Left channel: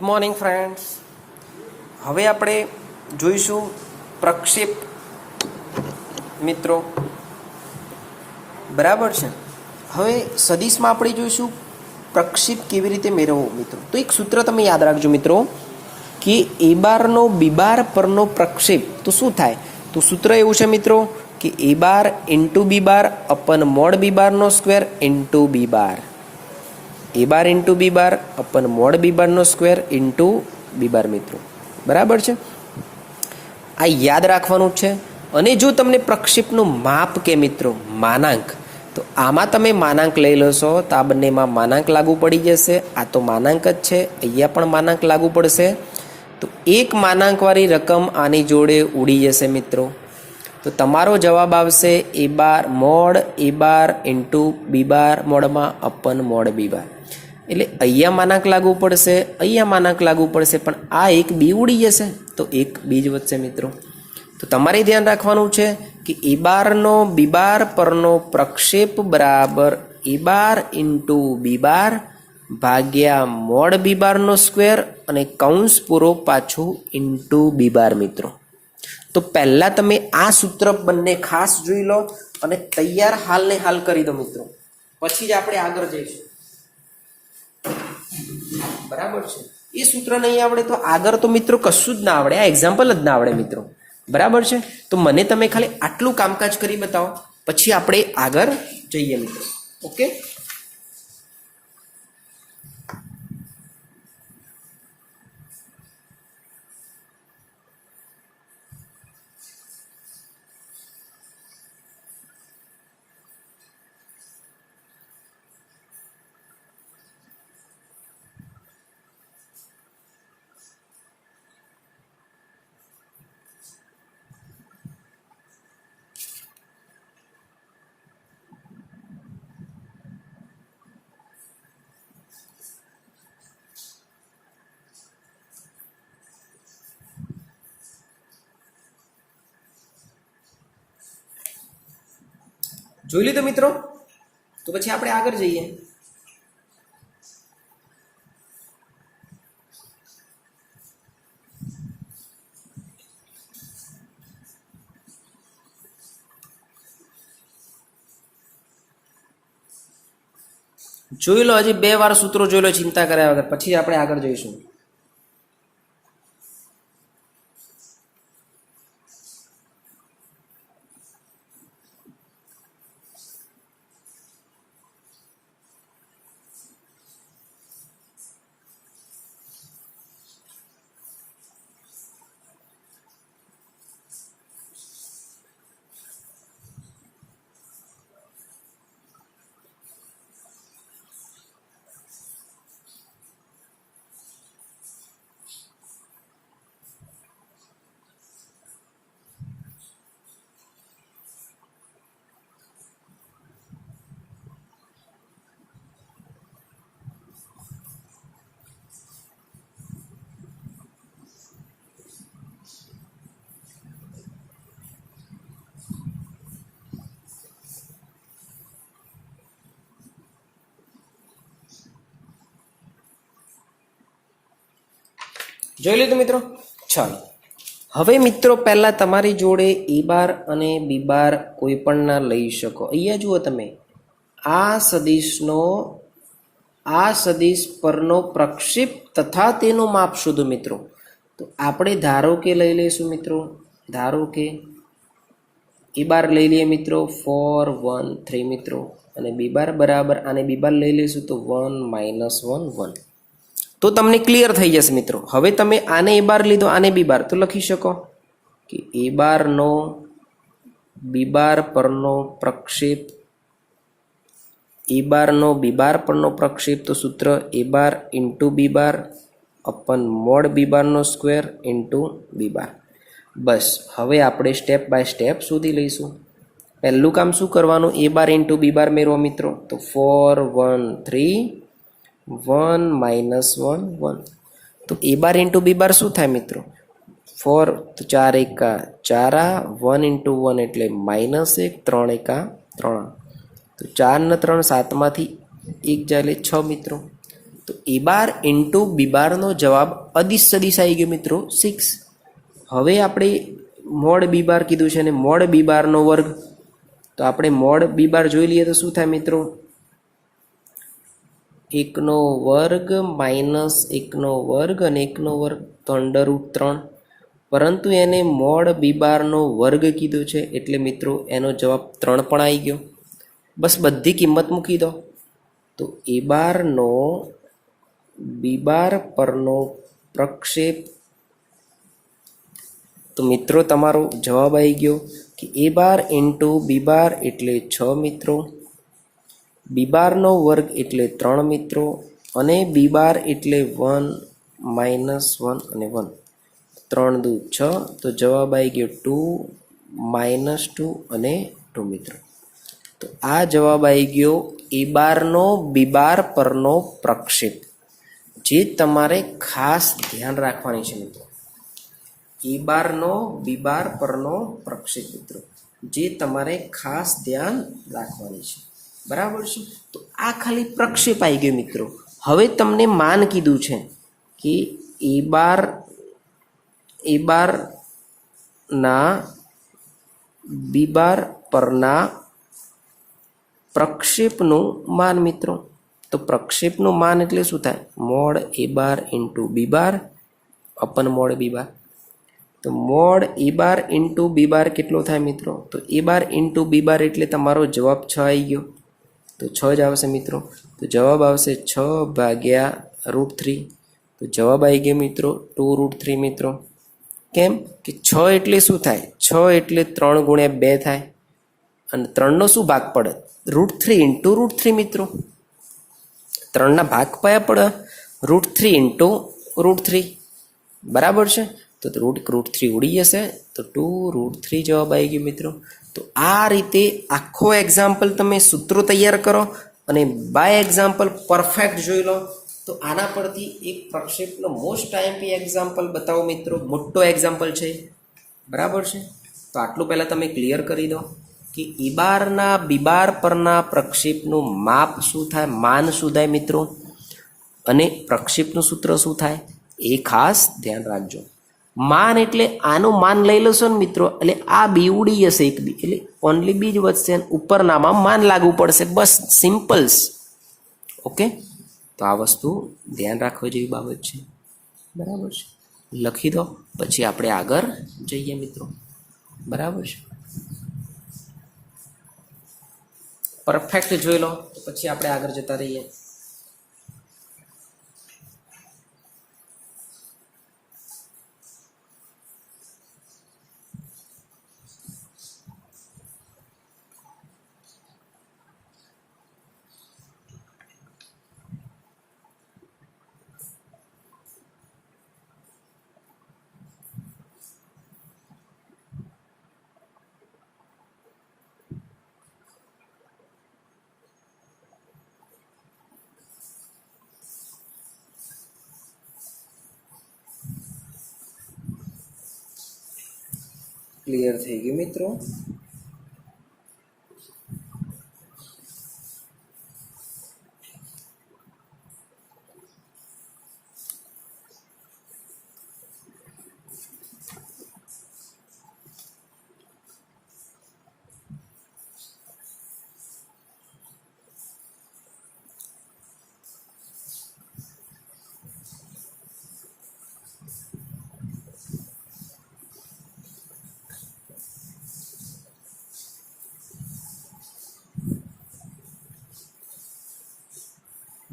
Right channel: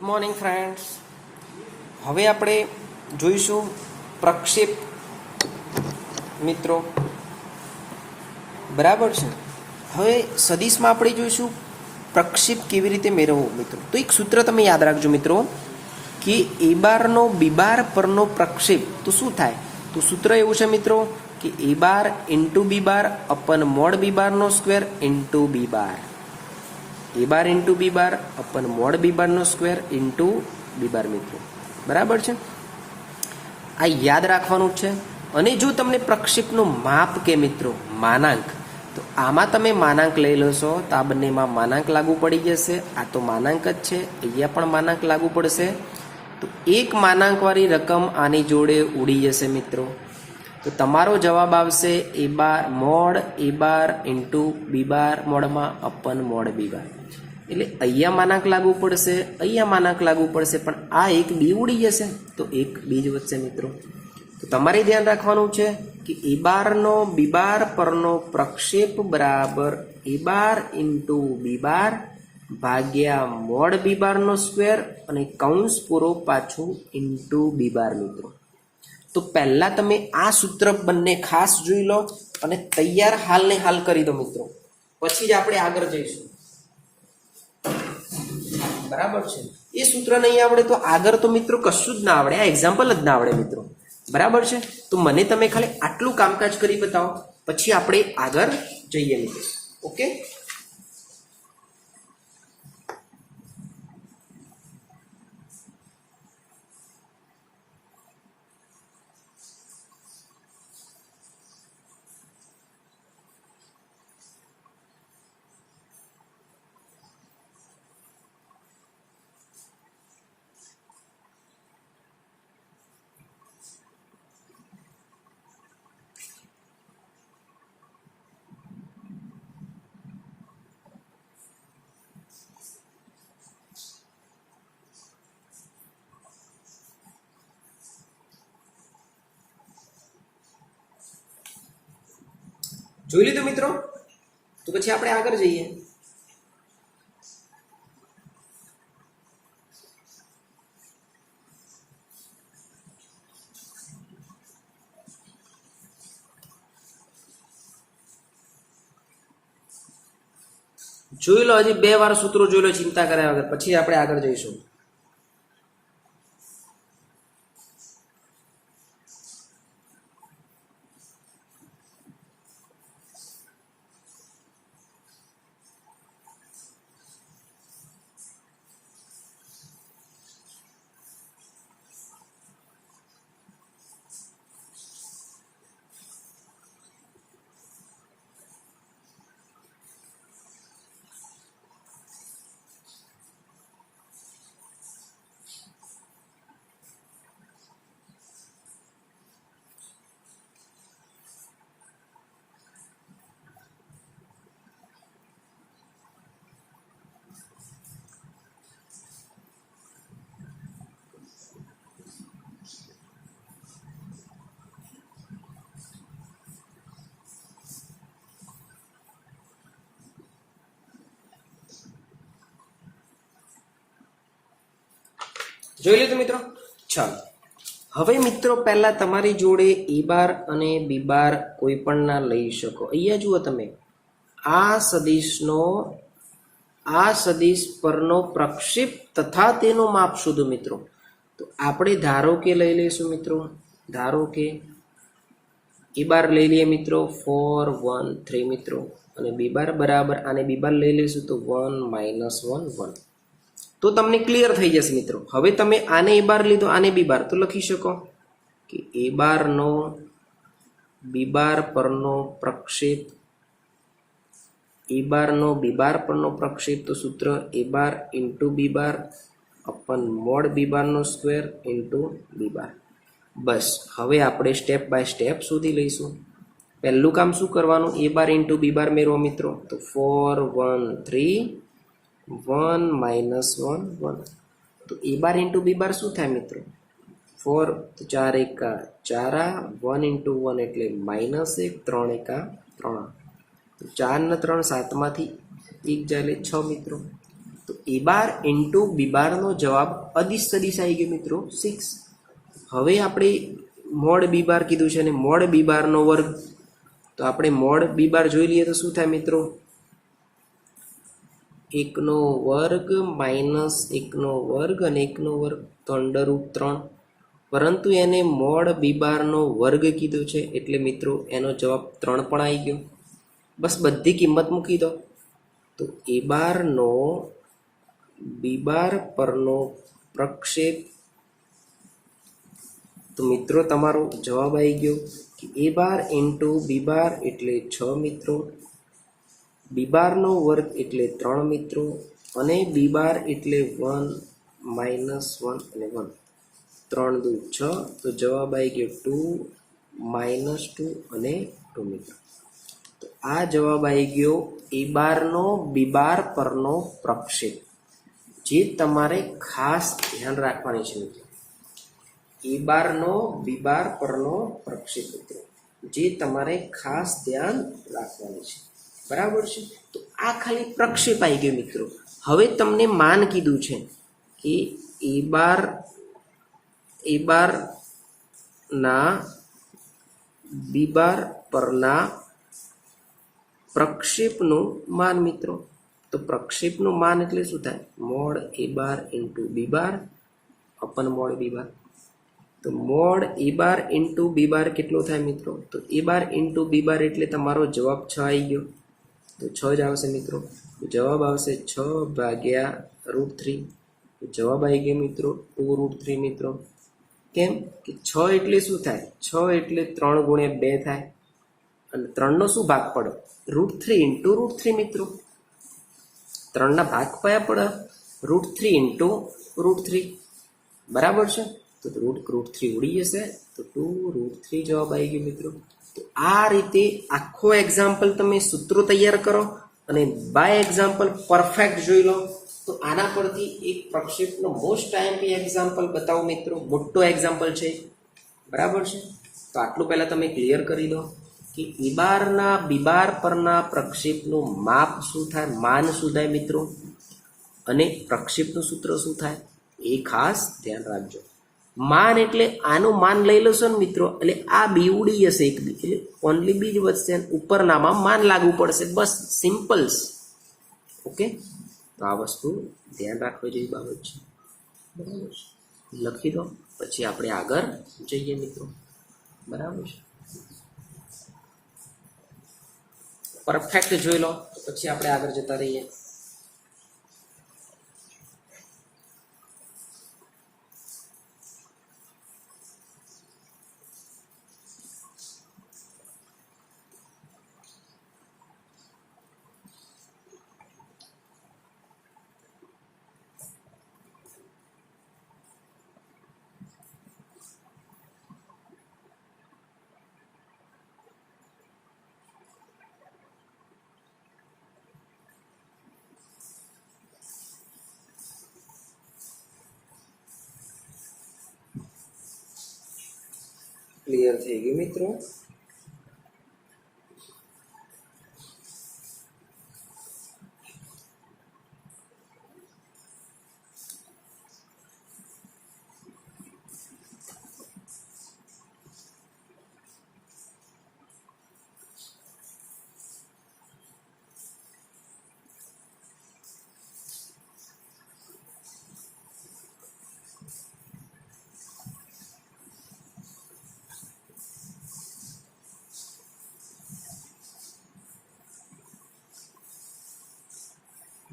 Good morning friends. હવે આપણે જોઈશું પ્રક્ષેપ મિત્રો. બરાબર છે. હવે સદિશમાં આપણે જોઈશું પ્રક્ષેપ કેવી રીતે મેળવવો મિત્રો. તો એક સૂત્ર તમે યાદ રાખજો મિત્રો કે એ બારનો બી બાર પરનો પ્રક્ષેપ તો શું થાય. તો સૂત્ર એવું છે મિત્રો કે એ બાર ઇન્ટુ બી બાર અપન મોડ બી બારનો સ્ક્વેર ઇન્ટુ બી બાર. એ બાર ઇન્ટુ બી બાર અપન મોડ બી બારનો સ્ક્વેર ઇન્ટુ બી બાર મિત્રો. બરાબર છે. આ યાદ રાખવાનું છે. અને જો તમને પ્રક્ષેપનું માપ કે મિત્રો માનાંક, તો આમાં તમે માનાંક લઈ લેશો તો આ બંનેમાં માનાંક લાગુ પડી જશે. આ તો માનાંક જ છે, અહીંયા પણ માનાંક લાગુ પડશે. તો એક માનાંકવાળી રકમ આની જોડે ઉડી જશે મિત્રો. તો તમારો જવાબ આવશે એ બાર મોડ એ બાર ઇન્ટુ બી બાર મોડમાં અપન મોડ બી બાર. એટલે અહીંયા માનાંક લાગુ પડશે, અહીંયા માનાંક લાગુ પડશે, પણ આ એક બી ઉડી જશે તો એક બી જ વધશે મિત્રો. તો તમારે ધ્યાન રાખવાનું છે કે એ બારનો બી બાર પરનો પ્રક્ષેપ બરાબર એ બાર ઇન્ટુ બી બાર ભાગ્યા મોડ બી બારનો સ્ક્વેર અને કૌંસ પૂરો પાછું ઇન્ટુ બી બાર મિત્રો. તો પહેલાં તમે આ સૂત્ર બંને ખાસ જોઈ લો અને તૈયાર હાલને હાલ કરી દો મિત્રો. પછી જ આપણે આગળ જઈશું. બરાબર છે. એ સૂત્ર નહીં આવડે તો આગળ તો મિત્રો કશું જ ના આવડે, આ એક્ઝામ્પલ જ ના આવડે મિત્રો. બરાબર છે. તો મને તમે ખાલી આટલું કામકાજ કરી બતાવો, પછી આપણે આગળ જઈએ મિત્રો. ઓકે. જોઈ લીધું મિત્રો. તો પછી આપણે આગળ જઈએ. જોઈ લો, હજી 2 વાર સૂત્રો જોઈ લો ચિંતા કર્યા વગર, પછી આપણે આગળ જઈશું. જોઈ લીધું મિત્રો. ચાલો હવે મિત્રો પહેલા તમારી જોડે એ બાર અને બી બાર કોઈ પણ ના લઈ શકો. અહીંયા જુઓ તમે, આ સદિશ પરનો પ્રક્ષેપ તથા તેનું માપ શોધો મિત્રો. તો આપણે ધારો કે લઈ લઈશું મિત્રો. ધારો કે એ બાર લઈ લઈએ મિત્રો 4 1 3 મિત્રો, અને બી બાર બરાબર આને બી બાર લઈ લઈશું તો 1 -1 1. તો તમને ક્લિયર થઈ જશે મિત્રો. હવે તમે આને એ બાર લીધો, આને બી બાર, તો લખી શકો કે એ બારનો બી બાર પરનો પ્રક્ષેપ, એ બારનો બી બાર પરનો પ્રક્ષેપ, તો સૂત્ર એ બાર ઇન્ટુ બી બાર અપન મોડ બી બારનો સ્ક્વેર ઇન્ટુ બી બાર. બસ હવે આપણે સ્ટેપ બાય સ્ટેપ શોધી લઈશું. પહેલું કામ શું કરવાનું, એ બાર ઇન્ટુ બી બાર મેળવો મિત્રો. તો 4 1 3 1 -1 1. તો એ બાર ઇન્ટુ બી બાર શું થાય મિત્રો? 4 તો 4 એકા 4, 1 ઇન્ટુ 1 એટલે -1, 3 એકા 3. તો 4 ને 3 7માંથી 1 જાય એટલે 6 મિત્રો. તો તો એ બાર ઇન્ટુ બી બારનો જવાબ અદિશ સદિશ આવી ગયો મિત્રો 6. હવે આપણે મોડ બી બાર કીધું છે અને મોડ બી બારનો વર્ગ, તો આપણે મોડ બી બાર જોઈ લઈએ તો શું થાય મિત્રો? 1નો વર્ગ માઇનસ 1નો વર્ગ અને 1નો વર્ગ તો √3, પરંતુ એને મોડ બી બારનો વર્ગ કીધું છે એટલે મિત્રો એનો જવાબ 3 પણ આવી ગયો. બસ બધી કિંમત મૂકી દો. તો એ બારનો બી બાર પરનો પ્રક્ષેપ, તો મિત્રો તમારો જવાબ આવી ગયો કે એ બાર ઇન્ટુ બી બાર એટલે 6 મિત્રો, બી બારનો વર્ગ એટલે 3 મિત્રો, અને બી બાર એટલે 1 માઇનસ 1 અને 1, 3 દુ 6, તો જવાબ આવી ગયો 2 -2 અને 2 મિત્રો. તો આ જવાબ આવી ગયો એ બારનો બી બાર પરનો પ્રક્ષેપ, જે તમારે ખાસ ધ્યાન રાખવાની છે મિત્રો. એ બારનો બી બાર પરનો પ્રક્ષેપ મિત્રો, જે તમારે ખાસ ધ્યાન રાખવાની છે. બરાબર છે? તો આ ખાલી પ્રક્ષેપ આવી ગયો મિત્રો. હવે તમને માન કીધું છે કે એ બાર ના બી બાર પરના પ્રક્ષેપનું માન મિત્રો. તો પ્રક્ષેપનું માન એટલે શું થાય? મોડ એ બાર ઇન્ટુ બી બાર અપન મોડ બી બાર. તો મોડ એ બાર ઇન્ટુ બી બાર કેટલો થાય મિત્રો? તો એ બાર ઇન્ટુ બી બાર એટલે તમારો જવાબ 6 આવી ગયો, તો 6 જ આવશે મિત્રો. તો જવાબ આવશે 6 ભાગ્યા √3. તો જવાબ આવી ગયો મિત્રો 2√3 મિત્રો. કેમ કે 6 એટલે શું થાય? 6 એટલે 3 ગુણ્યા 2 થાય, અને 3નો શું ભાગ પડે? √3 ઇન્ટુ √3 મિત્રો. 3ના ભાગ કયા પડે? √3 ઇન્ટુ √3. બરાબર છે? તો √3 ઉડી જશે, તો 2√3 જવાબ આવી ગયો મિત્રો. તો આ રીતે આખો એક્ઝામ્પલ તમે સૂત્રો તૈયાર કરો અને બાય એક્ઝામ્પલ પરફેક્ટ જોઈ લો. તો આના પરથી એક પ્રક્ષેપનો મોસ્ટ આઈએમપી એક્ઝામ્પલ બતાવો મિત્રો. મોટો એક્ઝામ્પલ છે. બરાબર છે? તો આટલું પહેલાં તમે ક્લિયર કરી દો કે એ બારના બી બાર પરના પ્રક્ષેપનું માપ શું થાય, માન શું થાય મિત્રો, અને પ્રક્ષેપનું સૂત્ર શું થાય એ ખાસ ધ્યાન રાખજો. માન એટલે આનું માન લઈ લેશો ને મિત્રો, એટલે આ બી ઉડી જશે, એક બી એટલે ઓનલી બી જ વધશે, ઉપરનામાં માન લાગુ પડશે. બસ સિમ્પલ્સ. ઓકે, તો આ વસ્તુ ધ્યાન રાખવા જેવી બાબત છે. બરાબર છે? લખી દો, પછી આપણે આગળ જઈએ મિત્રો. બરાબર છે? પરફેક્ટ જોઈ લો, તો પછી આપણે આગળ જતા રહીએ. ક્લિયર થઈ ગયું મિત્રો?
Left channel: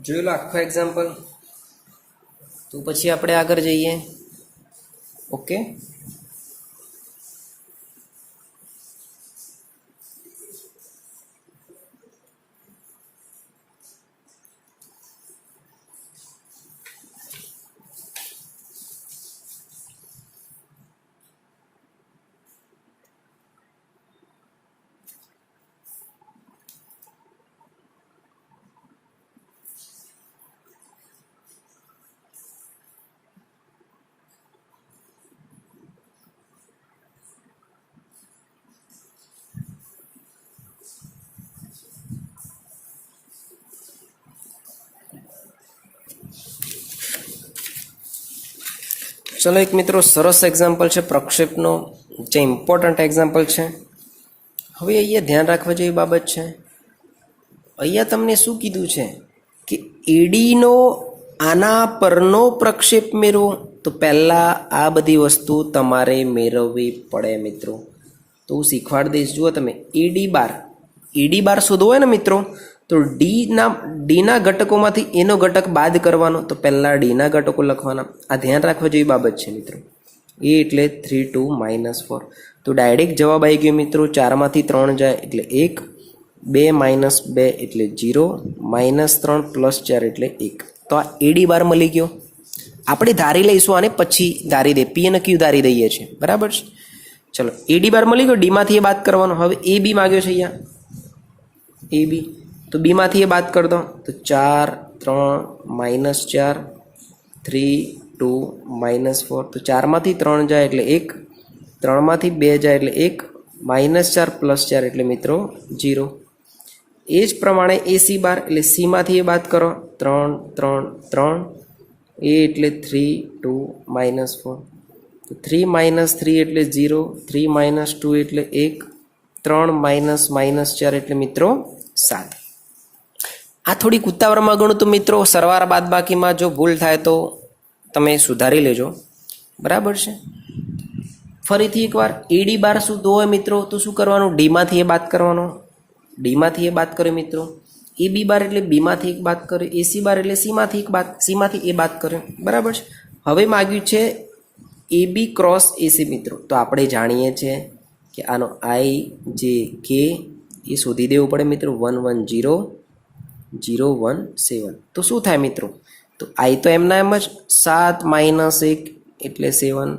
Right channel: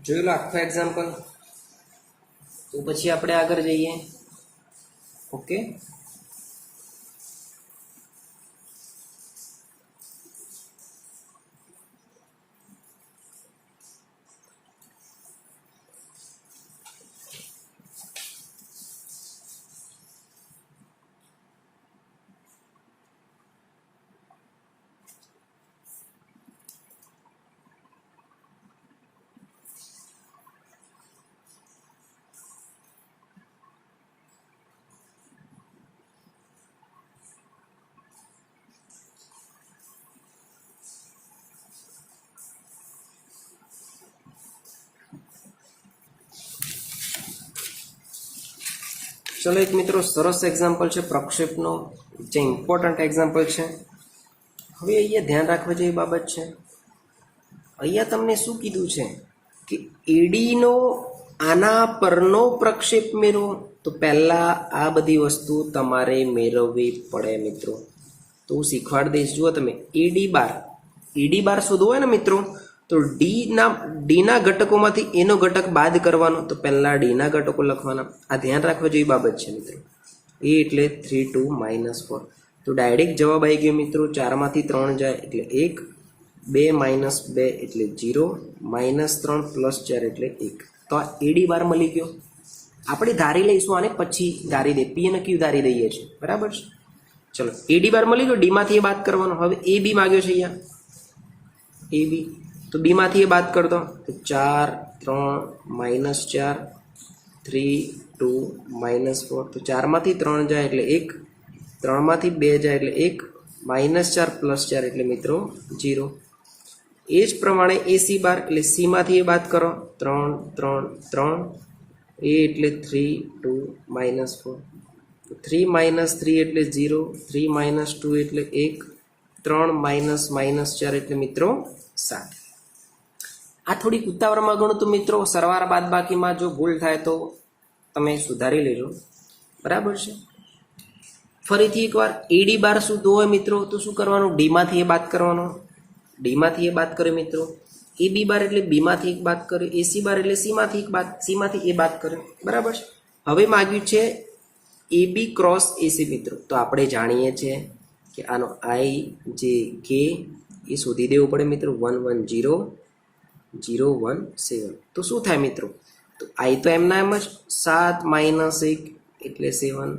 જોઈ લો આખો એક્ઝામ્પલ, તો પછી આપણે આગળ જઈએ. ઓકે, ચલો એક મિત્રો સરસ એક્ઝામ્પલ છે પ્રક્ષેપનો, જે ઇમ્પોર્ટન્ટ એક્ઝામ્પલ છે. હવે અહીંયા ધ્યાન રાખવા જેવી બાબત છે. અહીંયા તમને શું કીધું છે કે એડીનો આના પરનો પ્રક્ષેપ મેળવો. તો પહેલાં આ બધી વસ્તુ તમારે મેળવવી પડે મિત્રો. તો હું શીખવાડી દઈશ. જુઓ તમે, એડી બાર શોધવો હોય ને મિત્રો, તો ડીના ઘટકોમાંથી એનો ઘટક બાદ કરવાનો. તો પહેલાં ડીના ઘટકો લખવાના. આ ધ્યાન રાખવા જેવી બાબત છે મિત્રો. એ એટલે 3 2 -4. તો ડાયરેક્ટ જવાબ આવી ગયો મિત્રો. 4માંથી 3 જાય એટલે 1, 2 - 2 એટલે 0, -3 + 4 એટલે 1. તો આ એડી બાર મળી ગયો. આપણે ધારી લઈશું આને, પછી ધારી દે, પી અને ક્યુ ધારી દઈએ છીએ, બરાબર છે. ચલો, એડી બાર મળી ગયો. ડીમાંથી એ બાદ કરવાનો. હવે એ બી માગ્યો છે અહીંયા, એ બી. તો બીમાંથી એ બાદ કરી દો. તો 4 3 -4, 3 2 -4. તો 4માંથી 3 જાય એટલે 1, 3માંથી 2 જાય એટલે 1, -4 + 4 એટલે મિત્રો 0. એ જ પ્રમાણે એસી બાર, એટલે સીમાંથી એ બાદ કરો. 3 3 3, એ એટલે 3 2 -4. તો 3 - 3 એટલે 0, 3 - 2 એટલે 1, 3 -4 એટલે મિત્રો 7. આ થોડીક ઉતાવળમાં ગણું તો મિત્રો સરવાળા બાદબાકીમાં જો ભૂલ થાય તો તમે સુધારી લેજો, બરાબર છે. ફરીથી એકવાર એડી બાર શું હોય મિત્રો, તો શું કરવાનું? ડીમાંથી એ બાદ કરવાનો. ડીમાંથી એ બાદ કર્યો મિત્રો. એ બી બાર એટલે બીમાંથી એક બાદ કર્યો. એસી બાર એટલે સીમાંથી એ બાદ કર્યો, બરાબર છે. હવે માગ્યું છે એ બી ક્રોસ એસી મિત્રો. તો આપણે જાણીએ છીએ કે આનો આઈ જે કે એ શોધી દેવું પડે મિત્રો. 1 1 0 0 1 7. તો શું થાય મિત્રો? તો આઈ તો એમના એમ જ 7 - 1 એટલે 7,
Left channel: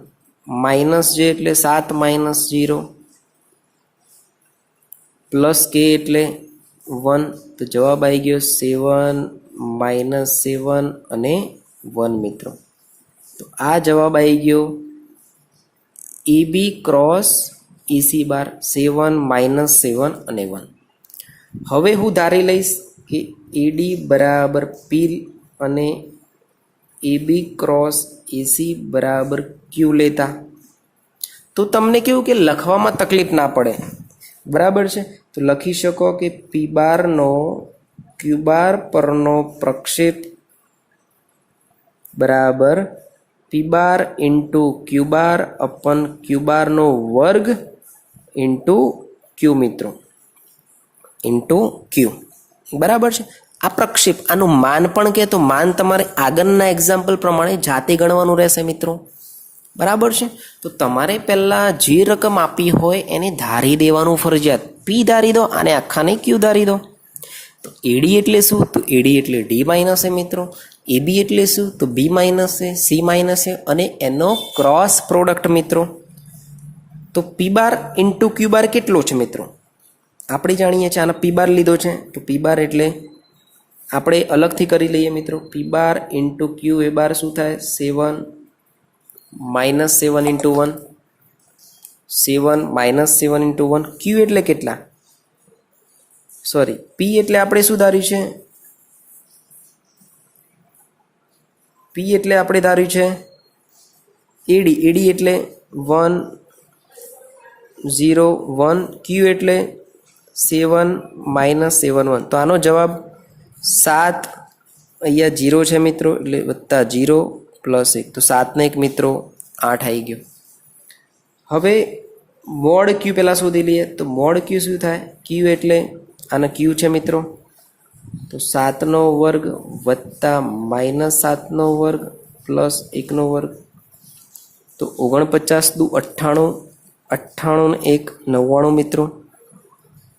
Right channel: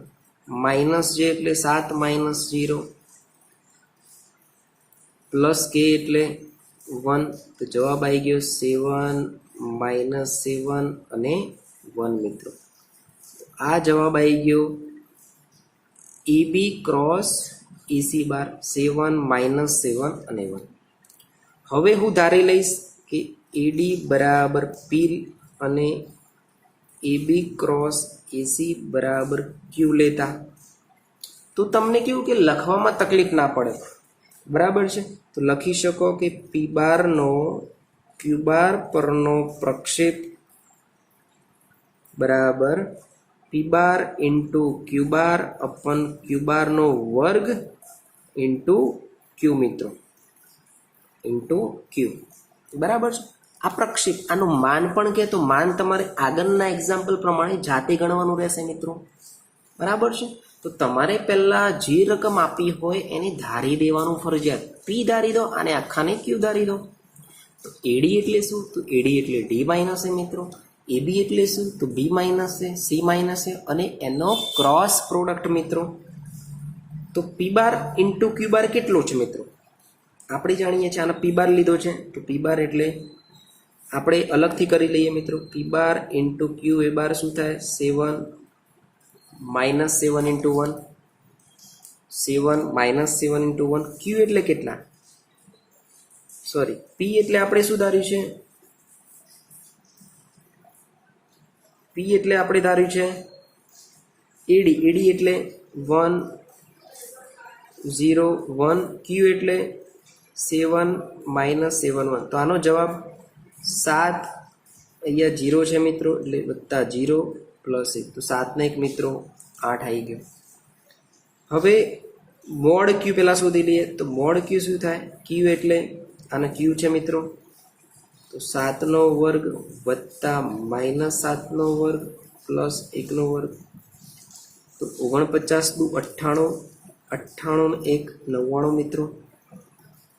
માઇનસ જે એટલે 7 - 0, પ્લસ કે એટલે 1. તો જવાબ આવી ગયો 7 - 7 અને 1 મિત્રો. તો આ જવાબ આવી ગયો એ બી ક્રોસ એસી બાર, 7 - 7 અને 1. હવે હું ધારી લઈશ કે એડી બરાબર પી અને એ બી ક્રોસ એસી બરાબર ક્યુ લેતા. તો તમને કેવું કે લખવામાં તકલીફ ના પડે, બરાબર છે. તો લખી શકો કે પી બારનો ક્યુ બાર પરનો પ્રક્ષેપ બરાબર પી બાર ઇન્ટુ ક્યુ બાર અપન ક્યુ બારનો વર્ગ ઇન્ટુ ક્યુ મિત્રો, ઇન્ટુ ક્યુ, બરાબર છે. આ પ્રક્ષેપ, આનું માન પણ કહે તો માન તમારે આગળના એક્ઝામ્પલ પ્રમાણે જાતે ગણવાનું રહેશે મિત્રો, બરાબર છે. તો તમારે પહેલાં જે રકમ આપી હોય એને ધારી દેવાનું ફરજિયાત. પી ધારી દો અને આખાને ક્યુ ધારી દો. તો એડી એટલે શું? તો એડી એટલે ડી માઇનસ એ મિત્રો. એ બી એટલે શું? તો બી માઇનસ એ, સી માઇનસ એ અને એનો ક્રોસ પ્રોડક્ટ મિત્રો. તો પી બાર ઇન્ટુ ક્યુ બાર કેટલો છે મિત્રો? આપણે જાણીએ છીએ, આના પી બાર લીધો છે. તો પી બાર એટલે આપણે અલગથી કરી લઈએ મિત્રો. પી બાર ઇન્ટુ ક્યુ એ બાર શું થાય? 7 -7 ઇન્ટુ 1, 7 -7 ઇન્ટુ 1. ક્યુ એટલે કેટલા? સોરી, પી એટલે આપણે શું ધાર્યું છે? પી એટલે આપણે ધાર્યું છે એડી. એડી એટલે 1 0 1. ક્યુ એટલે 7 -7 1. તો આનો જવાબ 7, અહીંયા 0 છે મિત્રો, એટલે વત્તા 0 પ્લસ 1. તો 7 ને 1 મિત્રો 8 આવી ગયો. હવે મોડ ક્યુ પહેલાં શોધી લઈએ. તો મોડ ક્યુ શું થાય? ક્યુ એટલે આના ક્યુ છે મિત્રો. તો 7નો વર્ગ વત્તા -7નો વર્ગ પ્લસ 1નો વર્ગ. તો 49 દુ 98, 98 ને 1 99 મિત્રો.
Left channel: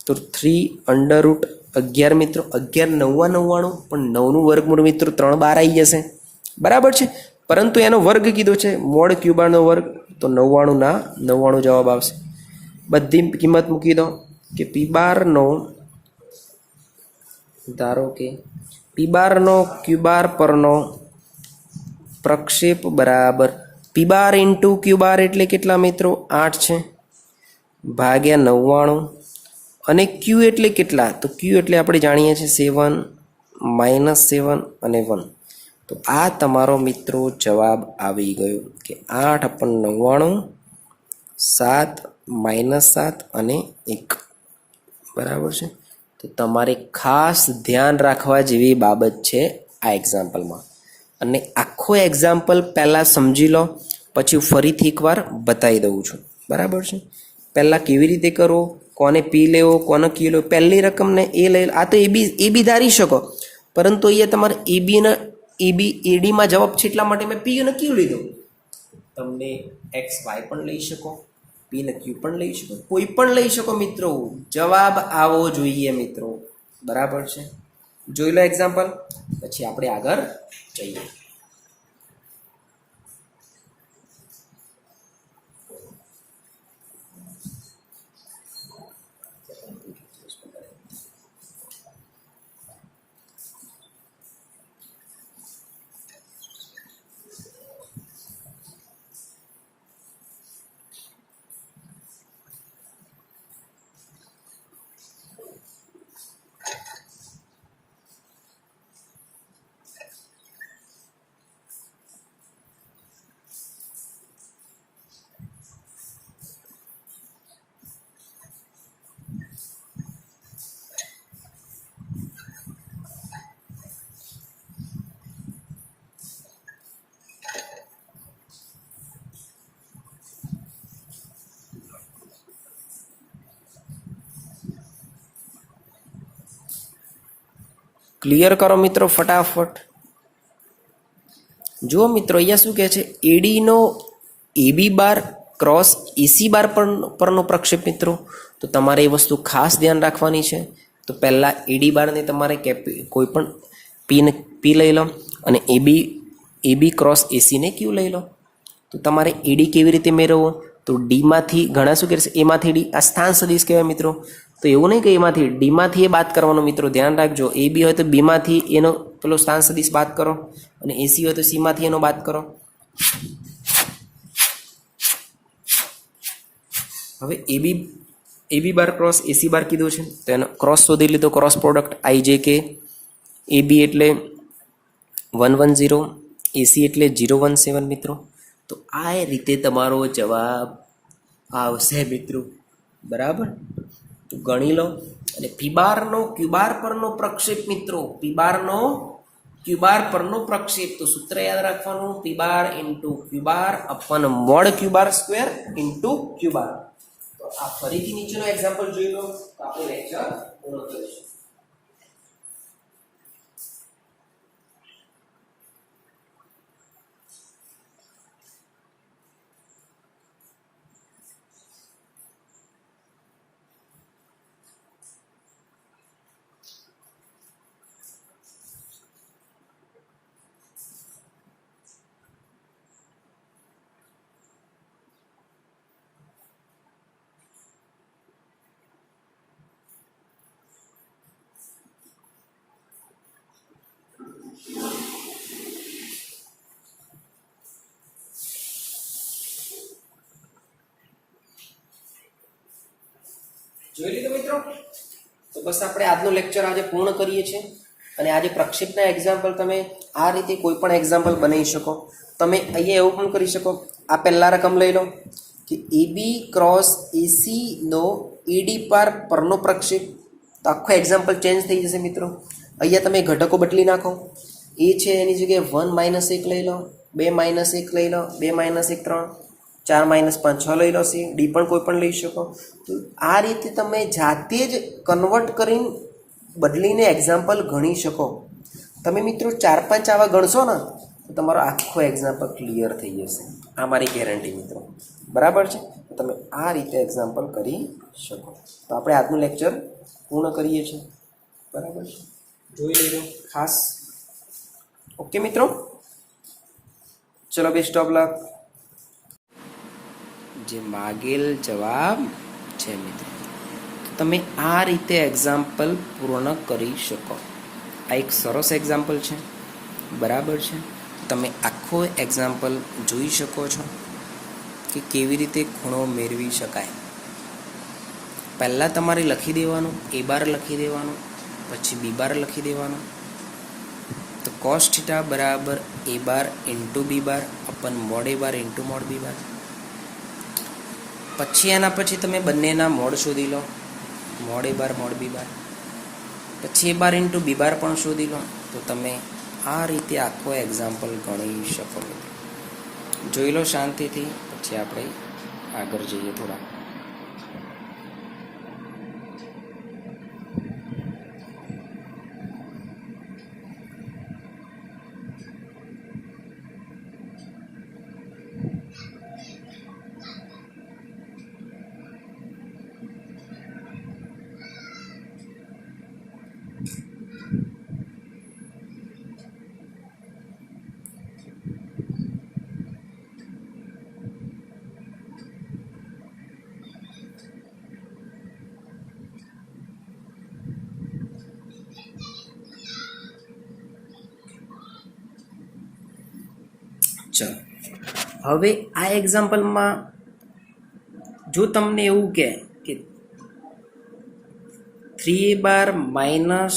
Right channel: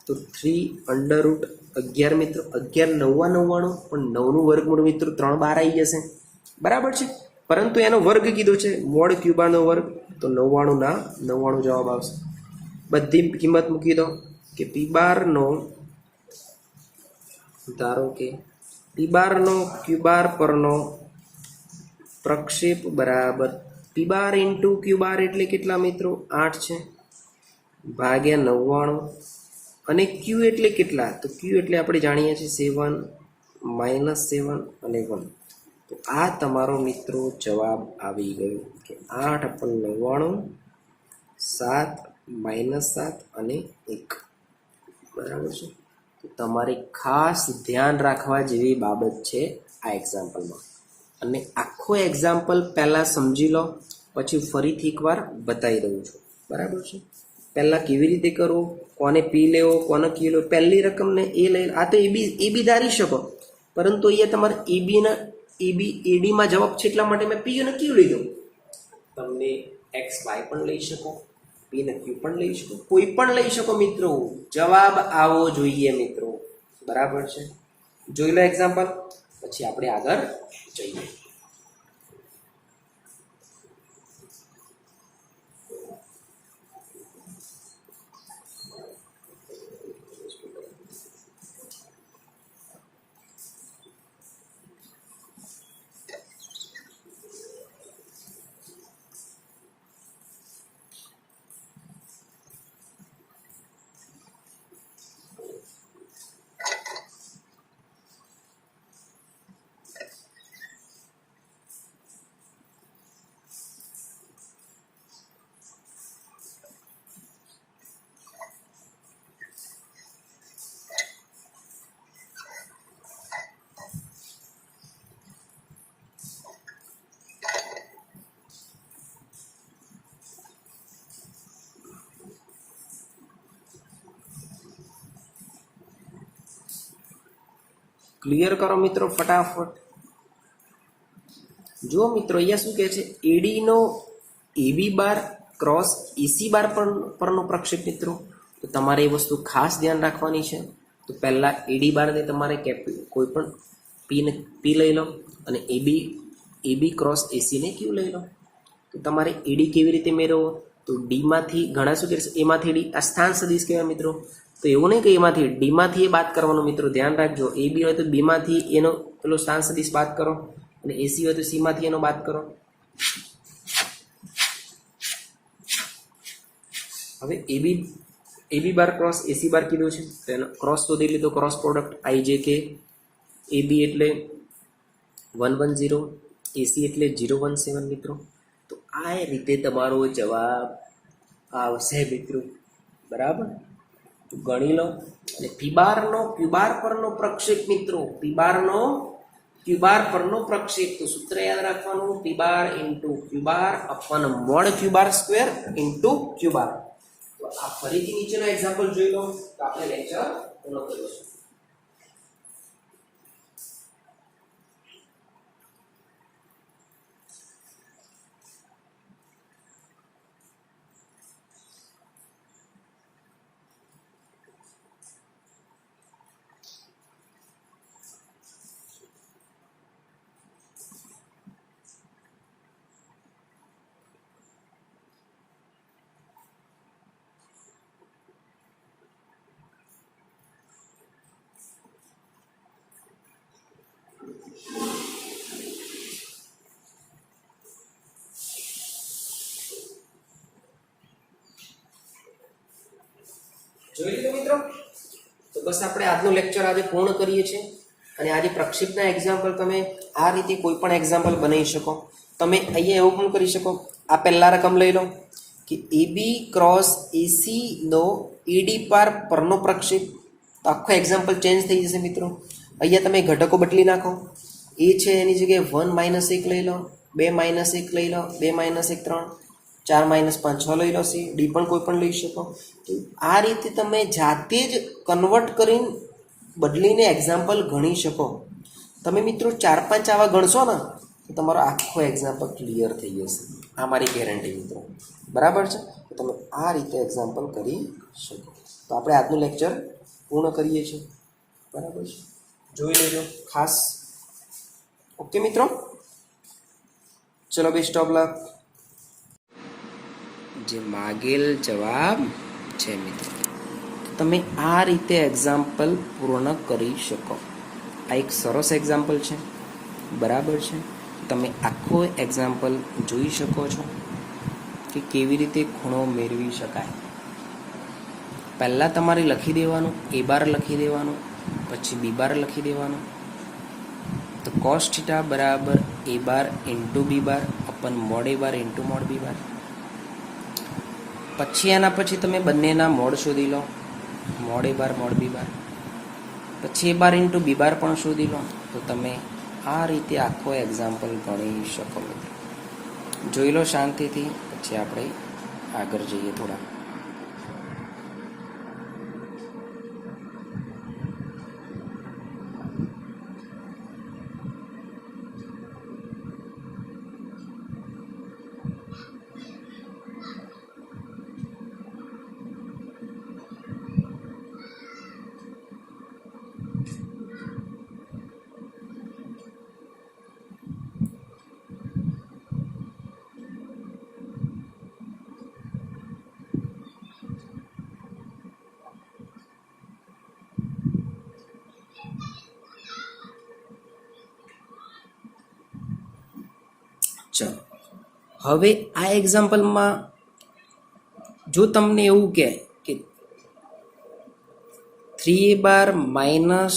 તો 3√11 મિત્રો. 11 9 99, પણ 9નું વર્ગમૂળ મિત્રો 3 12 આવી જશે, બરાબર છે. પરંતુ એનો વર્ગ કીધો છે, મોડ ક્યુ બારનો વર્ગ. તો 99 ના 99 જવાબ આવશે. બધી કિંમત મૂકી દો કે પી બારનો, ધારો કે પી બારનો ક્યુ બાર પરનો પ્રક્ષેપ બરાબર પી બાર ઇન્ટુ ક્યુ બાર એટલે કેટલા મિત્રો? 8 છે, ભાગ્યા 99. અને ક્યુ એટલે કેટલા? તો ક્યુ એટલે આપણે જાણીએ છીએ 7 -7 અને 1. તો આ તમારો મિત્રો જવાબ આવી ગયો કે 8×99 7 - 7 અને 1 બરાબર છે. તો તમારે ખાસ ધ્યાન રાખવા જેવી બાબત છે આ એક્ઝામ્પલમાં. અને આખો એક્ઝામ્પલ પહેલાં સમજી લો, પછી ફરીથી એકવાર બતાવી દઉં છું. બરાબર છે. પહેલાં કેવી રીતે કરવો, કોને પી લેવો, કોને ક્યુ લેવો, પહેલી રકમને એ લઈ લો. આ તો એ બી ધારી શકો, પરંતુ અહીંયા તમારે એડીમાં જવાબ છે એટલા માટે મેં પી અને ક્યુ લીધો. તમને એક્સ વાય પણ લઈ શકો, પી ને ક્યુ પણ લઈ શકો, કોઈ પણ લઈ શકો મિત્રો. જવાબ આવો જોઈએ મિત્રો. બરાબર છે. જોઈ લો એક્ઝામ્પલ, પછી આપણે આગળ જઈએ. ક્લિયર કરો મિત્રો ફટાફટ. જુઓ મિત્રો, અહીંયા શું કહે છે, એડીનો એબી બાર ક્રોસ એસી બાર પરનો પ્રક્ષેપ મિત્રો. તો તમારે એ વસ્તુ ખાસ ધ્યાન રાખવાની છે. તો પહેલાં એડી બારને તમારે કોઈ પણ પી લઈ લો, અને એબી ક્રોસ એસીને ક્યુ લઈ લો. તો તમારે એડી કેવી રીતે મેળવવો, તો ડીમાંથી ઘણા શું કરશે, એમાંથી ડી, આ સ્થાન સદિશ કહેવાય મિત્રો. તો એવું નહીં કે એમાંથી ડીમાંથી એ બાદ કરવાનો મિત્રો, ધ્યાન રાખજો. એ બી હોય તો બીમાંથી એનો પેલો સ્થાન સદિશ બાદ કરો, અને એસી હોય તો સીમાંથી એનો બાદ કરો. હવે એબી બાર ક્રોસ એસી બાર કીધું છે, તો એનો ક્રોસ શોધી લીધો. Cross product IJK. એબી એટલે 110, એસી એટલે 017 મિત્રો. તો આ રીતે તમારો જવાબ આવશે મિત્રો. બરાબર. તો ગણી લો. અને પીબારનો ક્યુબાર પરનો પ્રક્ષેપ મિત્રો, પીબારનો ક્યુબાર પરનો પ્રક્ષેપ. તો સૂત્ર યાદ રાખવાનું, પીબાર ઇન્ટુ ક્યુબાર અપન મોડ ક્યુબાર સ્ક્વેર ઇન્ટુ ક્યુબાર. તો આ ફરીથી નીચેનો એક્ઝામ્પલ જોઈ લો, તો આપણે લેક્ચર પૂર્ણ કરીશું. જોઈ લીધું મિત્રો. તો બસ આપણે આજનું લેક્ચર આજે પૂર્ણ કરીએ છીએ. અને આજે પ્રક્ષેપના એક્ઝામ્પલ તમે આ રીતે કોઈ પણ એક્ઝામ્પલ બનાવી શકો. તમે અહીંયા એવું પણ કરી શકો, આ પહેલા રકમ લઈ લો કે એબી ક્રોસ એસી નો એડી પરનો પ્રક્ષેપ. તો આખો એક્ઝામ્પલ ચેન્જ થઈ જશે મિત્રો. અહીંયા તમે ઘટકો બદલી નાખો. એ છે એની જગ્યાએ 1 - 1 લઈ લો, 2 - 1 લઈ લો, 2 - 1 3, 4 - 5 6 લઈ લો. સી ડી પણ કોઈ પણ લઈ શકો. તો આ રીતે તમે જાતે જ કન્વર્ટ કરીને બદલીને એક્ઝામ્પલ ગણી શકો. તમે મિત્રો 4-5 આવા ગણશો ને તો તમારો આખો એક્ઝામ્પલ ક્લિયર થઈ જશે. આ મારી ગેરંટી મિત્રો. બરાબર છે. તો તમે આ રીતે એક્ઝામ્પલ કરી શકો. તો આપણે આજનું લેક્ચર પૂર્ણ કરીએ છીએ. બરાબર છે. જોઈ લેજો ખાસ. ઓકે મિત્રો, ચલો બેસ્ટ ઓફ લક. જે માગેલ જવાબ છે મિત્રો, તમે આ રીતે એક્ઝામ્પલ પૂર્ણ કરી શકો. આ એક સરસ એક્ઝામ્પલ છે. બરાબર છે. તમે આખો એક્ઝામ્પલ જોઈ શકો છો કે કેવી રીતે ખૂણો મેળવી શકાય. પહેલાં તમારે લખી દેવાનું, એ બાર લખી દેવાનું, પછી બી બાર લખી દેવાનું. તો તો cos થીટા બરાબર a bar into b bar upon mod a bar into mod b bar. પછી એના પછી તમે બંનેના મોડ શોધી લો, mod a bar mod b bar. પછી a bar into b bar પણ શોધી લો. તો તમે આ રીતે આખો એક્ઝામ્પલ ગણી શકો મિત્રો. જોઈ લો શાંતિથી, પછી આપણે આગળ જઈએ થોડા. ચલો, હવે આ એક્ઝામ્પલમાં જો તમને એવું કહે કે 3a બાર માઇનસ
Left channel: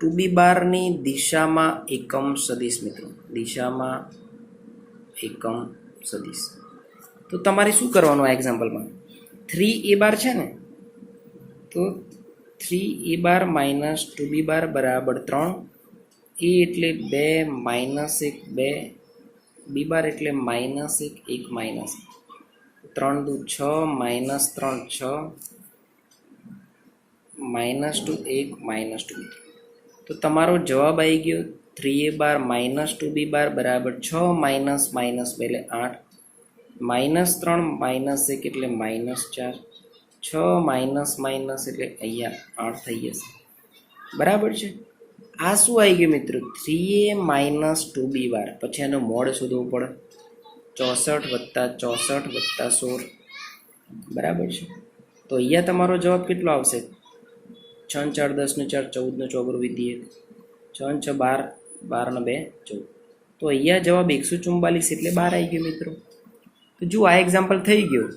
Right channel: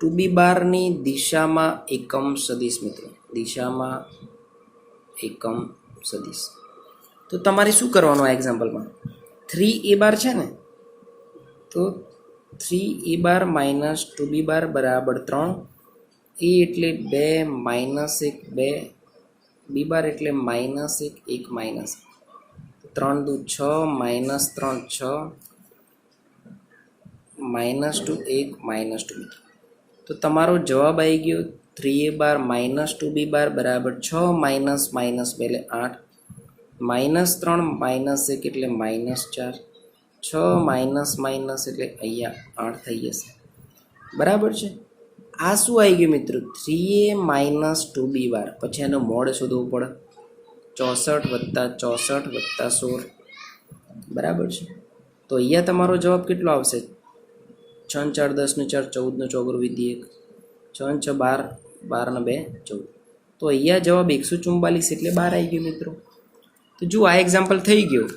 2b બારની દિશામાં એકમ સદિશ મિત્રો, દિશામાં એકમ સદિશ, તો તમારે શું કરવાનું આ એક્ઝામ્પલમાં? 3a બાર છે ને, તો 3a બાર માઇનસ 2b બાર બરાબર 3, a એટલે 2 માઇનસ 1 2, b બાર એટલે માઇનસ 1 1 માઇનસ 3 દુ 6 માઇનસ 3 6 માઇનસ 2 1 માઇનસ 2. તો તમારો જવાબ આવી ગયો 3a બાર માઇનસ 2b બાર બરાબર 6 માઇનસ માઇનસ 2 એટલે 8 માઇનસ 3 માઇનસ 1 એટલે માઇનસ 4 6 માઇનસ માઇનસ એટલે અહીંયા 8 થઈ જશે. બરાબર છે. આ શું આવી ગયું મિત્રો? 3a માઇનસ 2b બાર. પછી એનો મોડ શોધવો પડે, 64 + 64 + 16. બરાબર છે. તો અહીંયા તમારો જવાબ કેટલો આવશે? 6 4 10 નું 4 14 નું 4 વિધિ 1 6 6 12 12 ને 2 14. તો અહીંયા જવાબ 144 એટલે 12 આવી ગયો મિત્રો. તો જો આ એક્ઝામ્પલ થઈ ગયો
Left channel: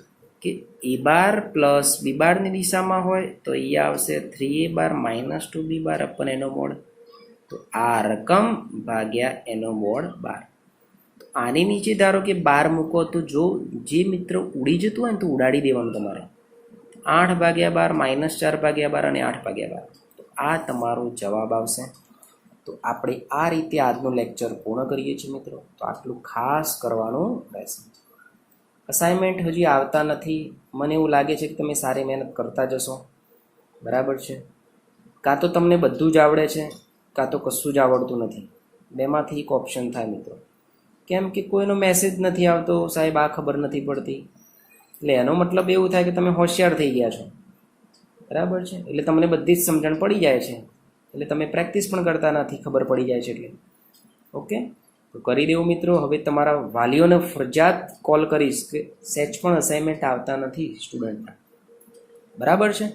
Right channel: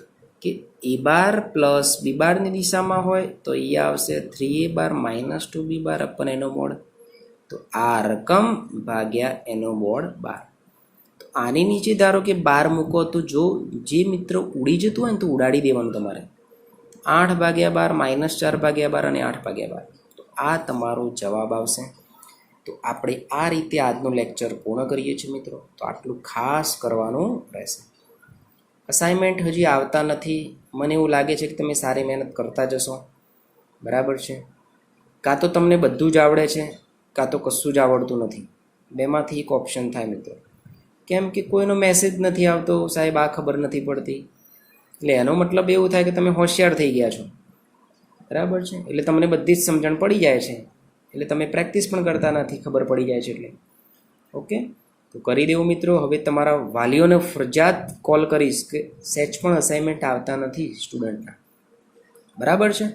કે a બાર પ્લસ b બારની દિશામાં હોય તો અહીંયા આવશે 3a બાર માઇનસ 2b બાર અપન એનો મોડ. તો આ રકમ ભાગ્યા એનો મોડ 12. તો આની નીચે ધારો કે 12 મૂકો તો જો જે મિત્રો ઉડી જતું હોય ને તો ઉડાડી દેવાનું તમારે. 8/12 માઇનસ 4/12 અને 8/12. તો આ તમારો જવાબ આવશે. તો આપણે આ રીતે આજનો લેક્ચર પૂર્ણ કરીએ છીએ મિત્રો. તો આટલું ખાસ કરવાનું રહેશે. અસાઇનમેન્ટ હજી આવતા નથી. મને એવું લાગે છે કે તમે સારી મહેનત કરતા જશો. બરાબર છે. કાં તો તમને બધું જ આવડે છે, કાં તો કશું જ આવડતું નથી. બેમાંથી એક ઓપ્શન થાય મિત્રો. કેમ કે કોઈનો મેસેજ નથી આવતો, સાહેબ આ ખબર નથી પડતી. એટલે એનો મતલબ એવું થાય કે તમે હોશિયાર થઈ ગયા છો. બરાબર છે. એટલે તમને બધી જ સમજણ પડી જાય છે. એટલે તમે પ્રેક્ટિસ પણ કરતા નથી, ખબર પડી જાય છે એટલે. ઓકે, તો કરી દેવું મિત્રો. હવે તમારા વાલીઓને ફરજિયાત કોલ કરીશ કે સેચ પણ અસાઇનમેન્ટ આવતા નથી સ્ટુડન્ટના. બરાબર છે.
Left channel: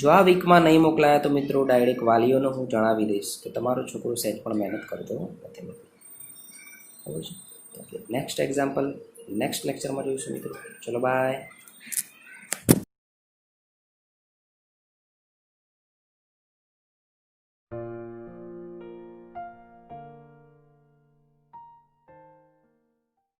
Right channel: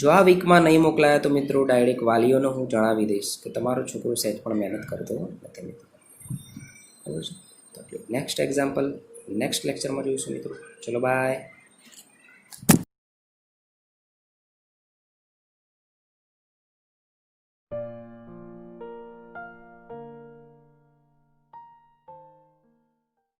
જો આ વીકમાં નહીં મોકલાયા તો મિત્રો ડાયરેક્ટ વાલીઓને હું જણાવી દઈશ કે તમારો છોકરો સેચ પણ મહેનત કરતો નથી મિત્રો. બરાબર છે. તો નેક્સ્ટ એક્ઝામ્પલ નેક્સ્ટ લેક્ચરમાં જોઈશું મિત્રો. ચલો બાય.